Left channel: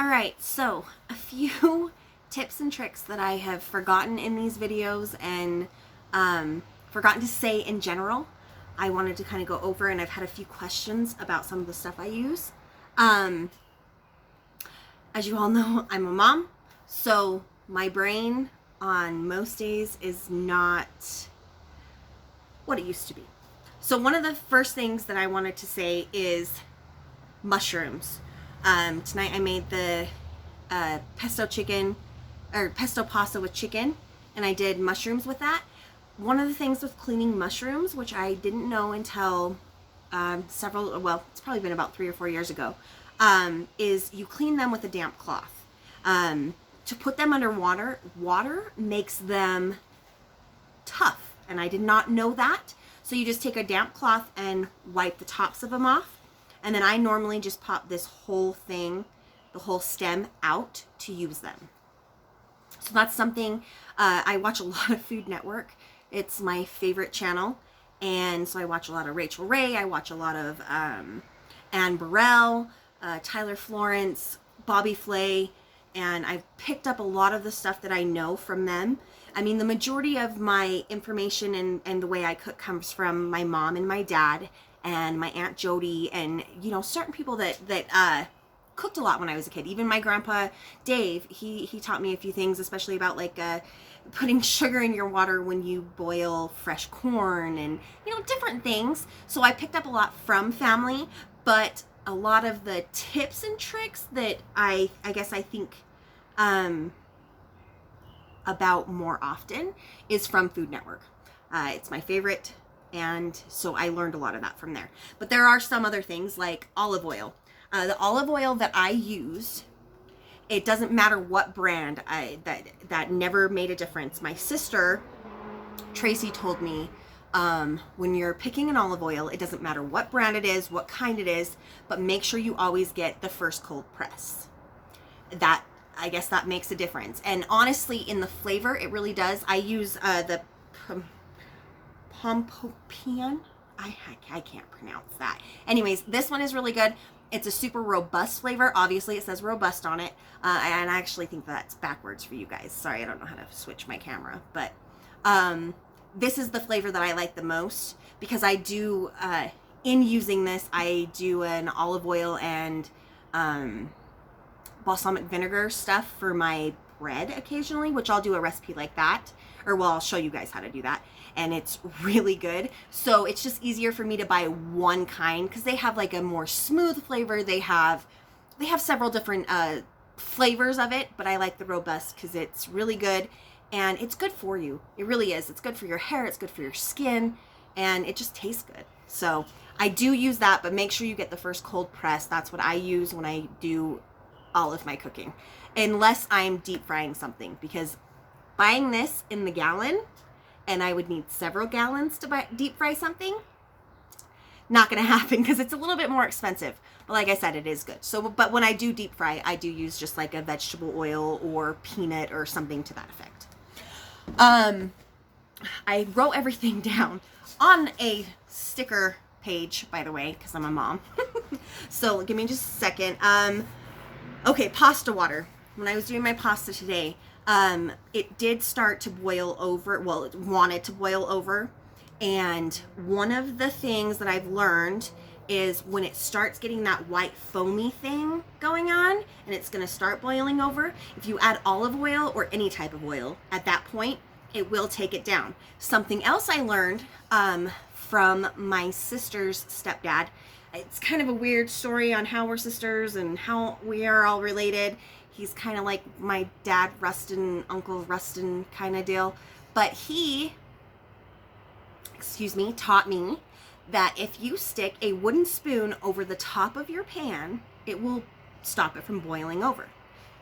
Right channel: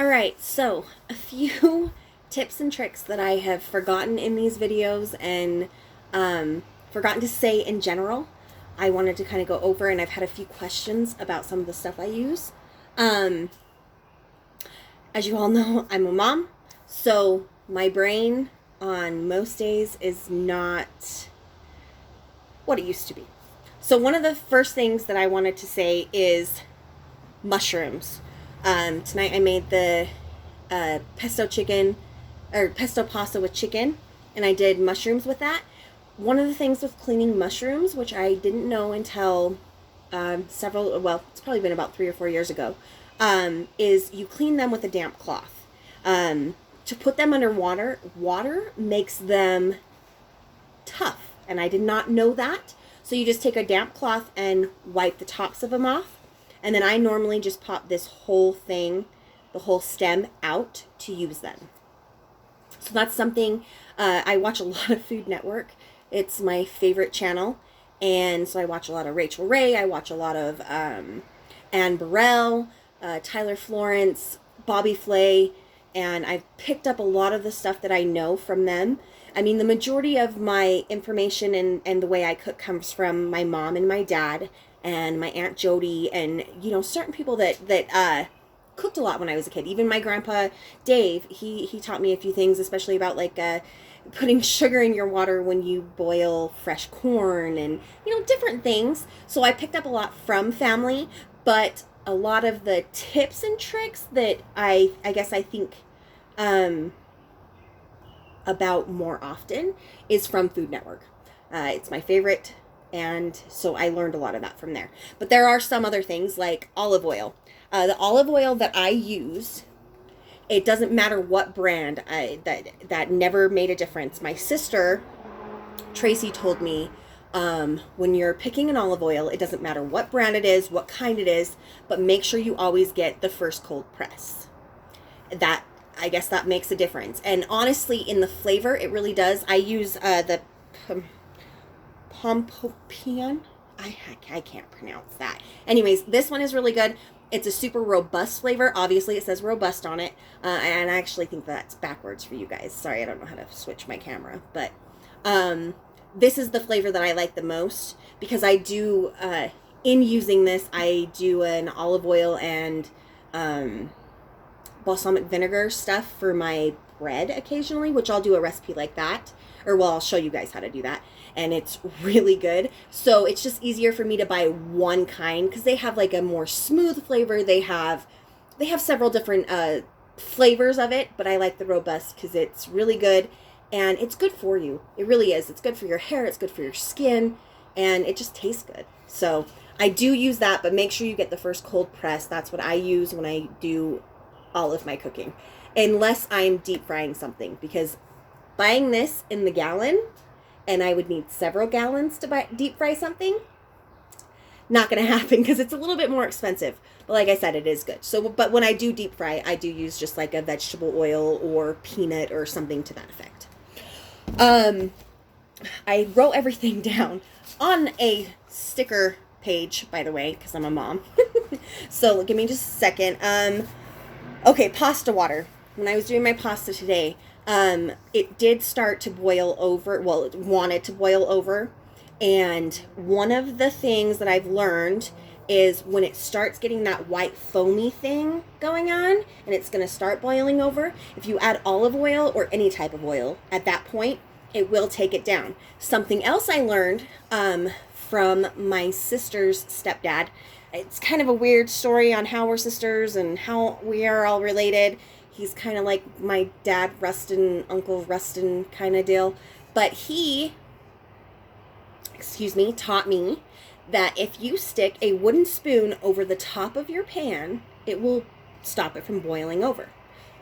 All right, so a few tips and tricks that I have forgotten in these videos and forgotten to say in general. I wanted to kind of go over, and I've had a few questions about some of the stuff I use. Um, as you all know, I'm a mom, so my brain on most days is not what it used to be. So one of the first things that I wanted to say is mushrooms. Tonight I made the pesto chicken or pesto pasta with chicken, and I did mushrooms with that. One of the things with cleaning mushrooms, which I didn't know until it's probably been about 3 or 4 years ago, is you clean them with a damp cloth. To put them under water makes them tough, and I did not know that. So you just take a damp cloth and wipe the tops of them off. And then I normally just pop this whole thing, the whole stem out to use them. So that's something, I watch a lot of Food Network. It's my favorite channel. And so I watch a lot of Rachel Ray. I watch a lot of Anne Burrell, Tyler Florence, Bobby Flay. And I've picked up a lot of the stuff that I know from them. I mean, the majority of my information and the way I cook comes from my mom and my dad and my Aunt Jody, and certain people that cooked a lot when I was a kid. Even my grandpa Dave, he taught me a few things, especially about putting sugar in your water when you boil fresh corn, and different things. So I picked up a lot from family, but a lot of the tips and tricks that I guess I think about more often is from Food Network. It's my favorite. And so I learned a lot of that from there. But there are some other things like olive oil. The olive oil that I use, it doesn't matter what brand. That never made a difference. My sister, Tracy, told me when you're picking an olive oil, it doesn't matter what brand it is, what kind it is, but make sure you always get the first cold press. I guess that makes a difference. And honestly, in the flavor, it really does. I use the Pompopian. I can't pronounce that. Anyways, this one is really good. It's a super robust flavor. Obviously, it says robust on it. And I actually think that's backwards for you guys. Sorry, I don't know how to switch my camera. But this is the flavor that I like the most, because I do, in using this, I do an olive oil and balsamic vinegar stuff for my bread occasionally, which I'll do a recipe like that. I'll show you guys how to do that. And it's really good. So it's just easier for me to buy one kind, because they have like a more smooth flavor. They have several different flavors of it, but I like the robust because it's really good and it's good for you. It really is. It's good for your hair, it's good for your skin, and it just tastes good. So I do use that, but make sure you get the first cold press. That's what I use when I do all of my cooking, unless I'm deep frying something, because buying this in the gallon, and I would need several gallons to deep fry something, not going to happen, because it's a little bit more expensive. But like I said, it is good. So, but when I do deep fry, I do use just like a vegetable oil or peanut or something to that effect. I wrote everything down on a sticker page, by the way, because I'm a mom. So give me just a second. Okay, pasta water. When I was doing my pasta today, it did start to boil over. Well, it wanted to boil over. And one of the things that I've learned is when it starts getting that white foamy thing going on, and it's going to start boiling over, if you add olive oil or any type of oil at that point, it will take it down. Something else I learned from my sister's stepdad. It's kind of a weird story on how we're sisters and how we are all related. He's kind of like my dad, Rustin, Uncle Rustin kind of deal. But he, taught me that if you stick a wooden spoon over the top of your pan, it will stop it from boiling over.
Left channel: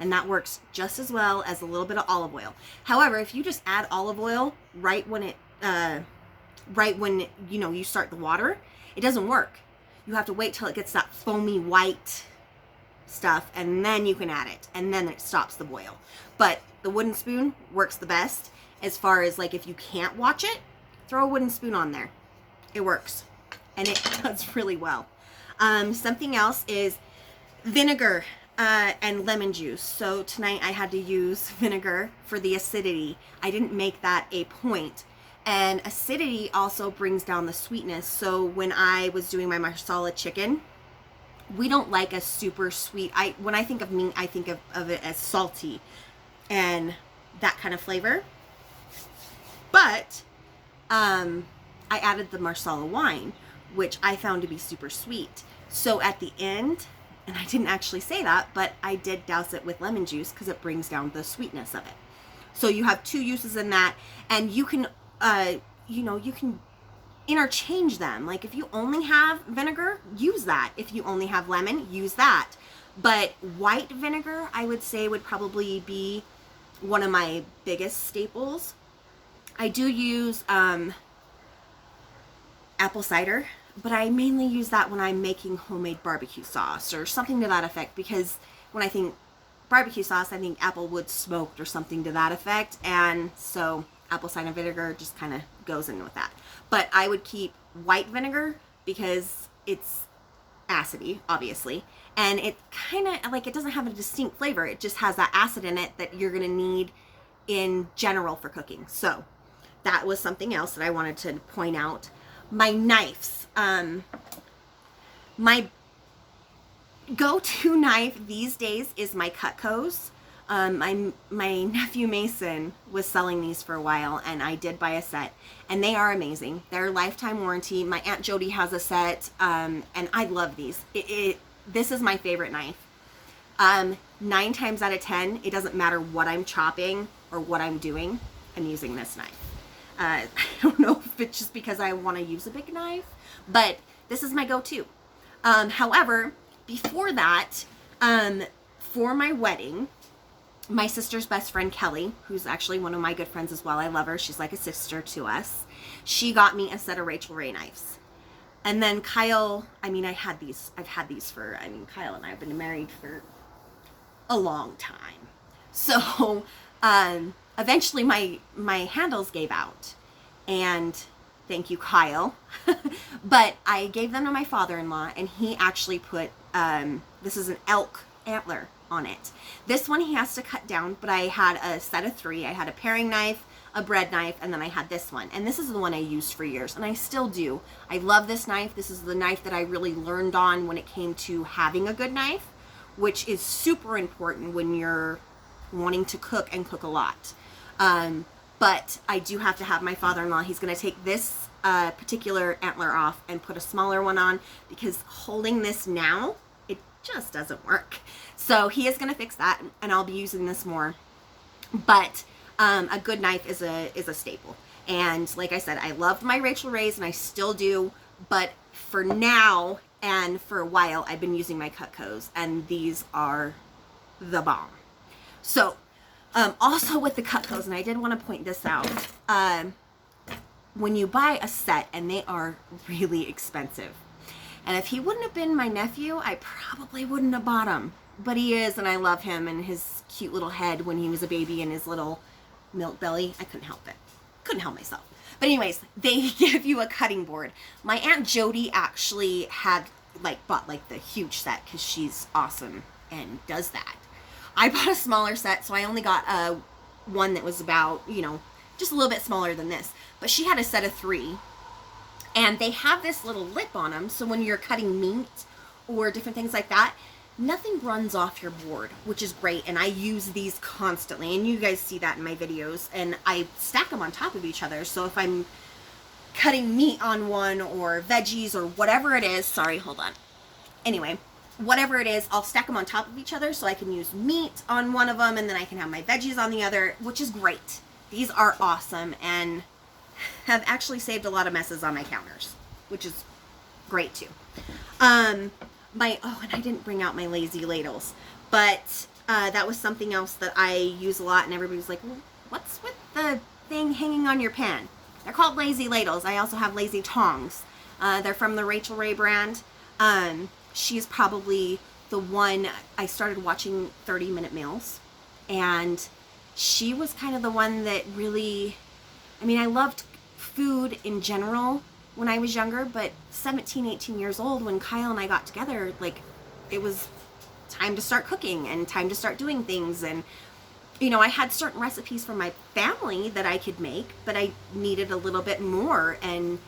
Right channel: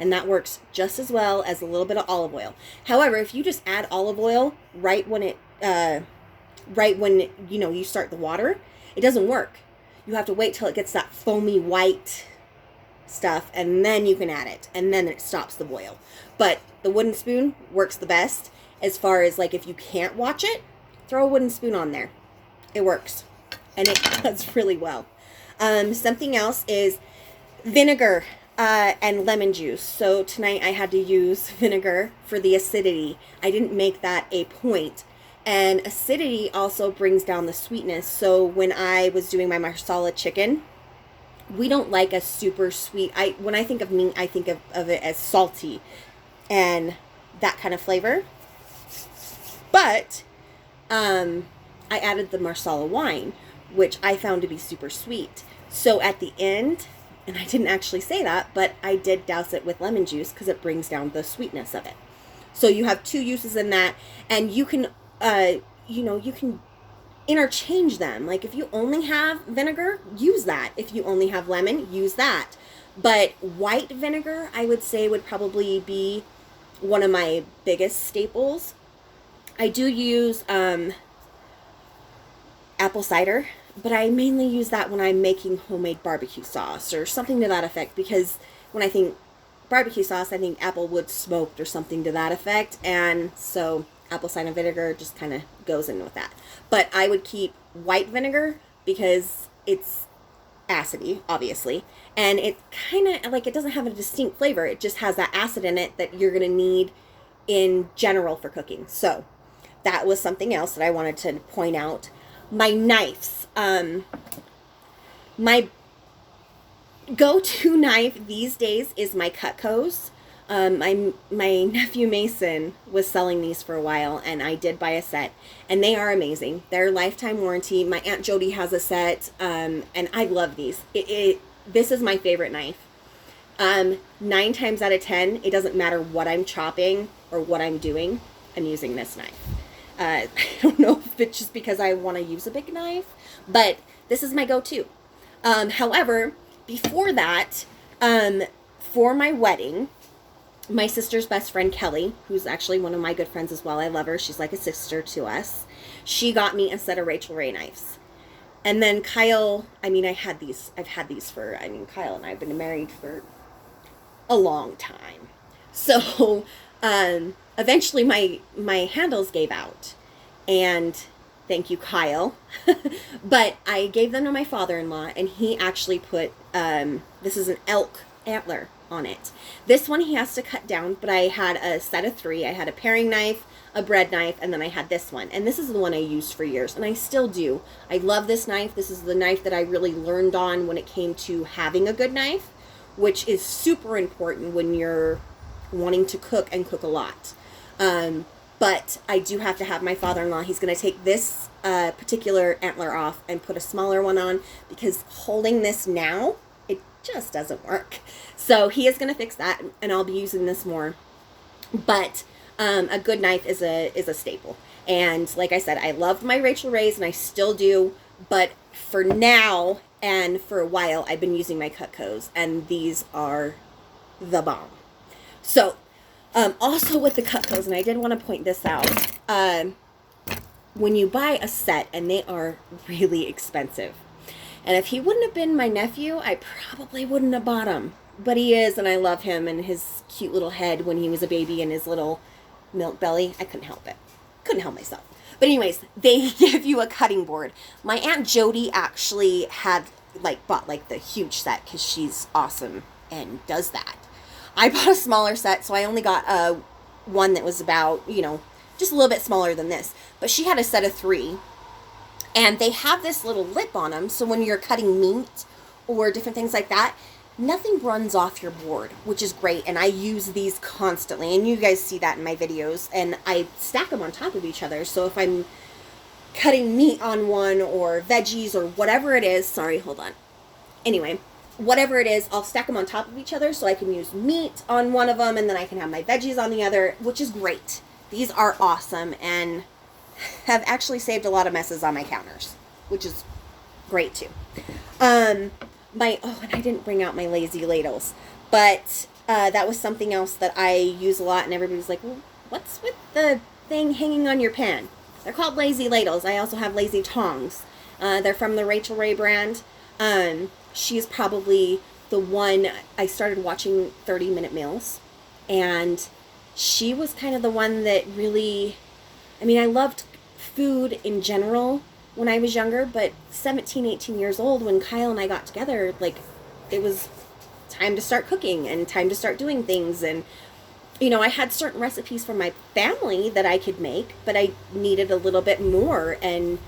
And that works just as well as a little bit of olive oil. However, if you just add olive oil right when you start the water, it doesn't work. You have to wait till it gets that foamy white stuff, and then you can add it, and then it stops the boil. But the wooden spoon works the best. As far as like if you can't watch it, throw a wooden spoon on there. It works, and it does really well. Something else is vinegar. and lemon juice. So tonight I had to use vinegar for the acidity. I didn't make that a point. And acidity also brings down the sweetness. So when I was doing my marsala chicken, we don't like a super sweet. When I think of meat, I think of it as salty and that kind of flavor. But I added the marsala wine, which I found to be super sweet. So at the end, and I didn't actually say that, but I did douse it with lemon juice because it brings down the sweetness of it. So you have two uses in that, and you can, you can interchange them. Like if you only have vinegar, use that. If you only have lemon, use that. But white vinegar, I would say, would probably be one of my biggest staples. I do use apple cider, but I mainly use that when I'm making homemade barbecue sauce or something to that effect, because when I think barbecue sauce, I think apple wood smoked or something to that effect, and so apple cider vinegar just kind of goes in with that. But I would keep white vinegar because it's acidy, obviously, and it kind of like, it doesn't have a distinct flavor. It just has that acid in it that you're going to need in general for cooking. So that was something else that I wanted to point out. My knives. My go-to knife these days is my Cutco's. My nephew Mason was selling these for a while, and I did buy a set, and they are amazing. They're lifetime warranty. My Aunt Jody has a set, and I love these. This is my favorite knife. 9 times out of 10, it doesn't matter what I'm chopping or what I'm doing, I'm using this knife. I don't know if it's just because I want to use a big knife, but this is my go-to. However, before that, for my wedding, my sister's best friend, Kelly, who's actually one of my good friends as well, I love her, she's like a sister to us, she got me a set of Rachael Ray knives. And then Kyle, I've had these for, Kyle and I have been married for a long time. So, eventually my handles gave out, and thank you, Kyle. But I gave them to my father-in-law, and he actually put, this is an elk antler on it. This one he has to cut down, but I had a set of 3. I had a paring knife, a bread knife, and then I had this one. And this is the one I used for years, and I still do. I love this knife. This is the knife that I really learned on when it came to having a good knife, which is super important when you're wanting to cook and cook a lot. But I do have to have my father-in-law. He's going to take this particular antler off and put a smaller one on, because holding this now, it just doesn't work. So he is going to fix that, and I'll be using this more. But a good knife is a staple. And like I said, I loved my Rachael Ray's, and I still do. But for now and for a while, I've been using my Cutco's, and these are the bomb. So also with the Cutco's, and I did want to point this out, when you buy a set, and they are really expensive, and if he wouldn't have been my nephew, I probably wouldn't have bought him, but he is, and I love him and his cute little head when he was a baby and his little milk belly. I couldn't help myself. But anyways, they give you a cutting board. My Aunt Jody actually bought the huge set, because she's awesome and does that. I bought a smaller set, so I only got one that was about, just a little bit smaller than this. But she had a set of 3. And they have this little lip on them, so when you're cutting meat or different things like that, nothing runs off your board, which is great. And I use these constantly, and you guys see that in my videos. And I stack them on top of each other, so if I'm cutting meat on one, or veggies, or whatever it is, sorry, hold on. Anyway, whatever it is, I'll stack them on top of each other, so I can use meat on one of them, and then I can have my veggies on the other, which is great. These are awesome, and have actually saved a lot of messes on my counters, which is great too. And I didn't bring out my lazy ladles, but that was something else that I use a lot, and everybody's like, well, what's with the thing hanging on your pan? They're called lazy ladles. I also have lazy tongs. They're from the Rachael Ray brand. She's probably the one, I started watching 30-Minute Meals, and she was kind of the one that really, I loved food in general when I was younger, but 17, 18 years old, when Kyle and I got together, it was time to start cooking and time to start doing things. And you know, I had certain recipes from my family that I could make, but I needed a little bit more. And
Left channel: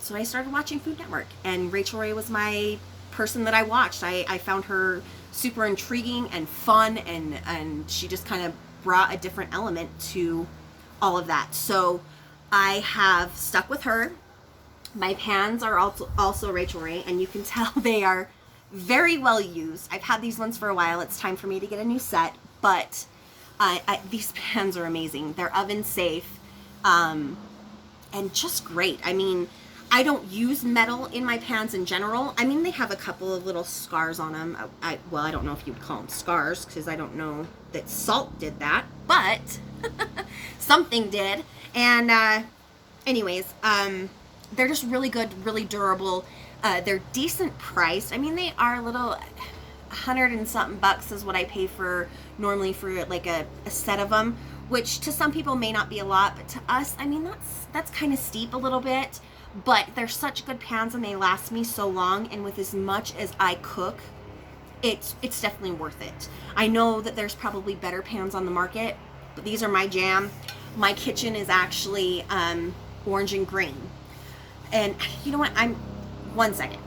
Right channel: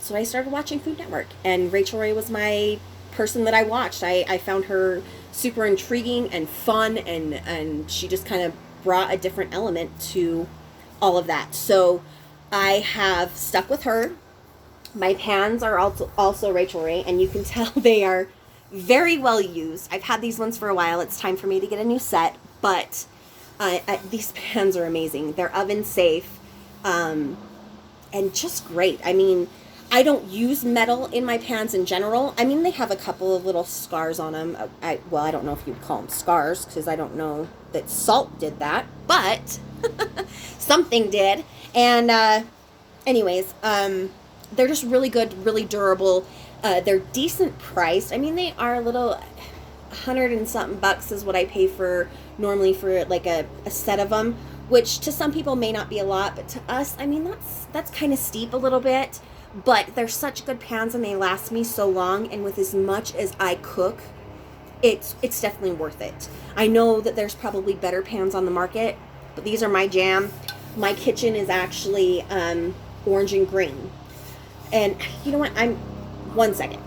so I started watching Food Network, and Rachel Ray was my person that I watched. I found her super intriguing and fun, and she just kind of brought a different element to all of that. So I have stuck with her. My pans are also Rachel Ray, and you can tell they are very well used. I've had these ones for a while. It's time for me to get a new set, but these pans are amazing. They're oven safe, and just great. I mean, I don't use metal in my pans in general. I mean, they have a couple of little scars on them. Well, I don't know if you'd call them scars, because I don't know that salt did that, but something did. And anyways, they're just really good, really durable. They're decent priced. I mean, they are a little, 100 and something bucks is what I pay for normally for like a set of them, which to some people may not be a lot, but to us, I mean, that's kind of steep a little bit. But they're such good pans, and they last me so long, and with as much as I cook, it's definitely worth it. I know that there's probably better pans on the market, but these are my jam. My kitchen is actually orange and green. And you know what? One second.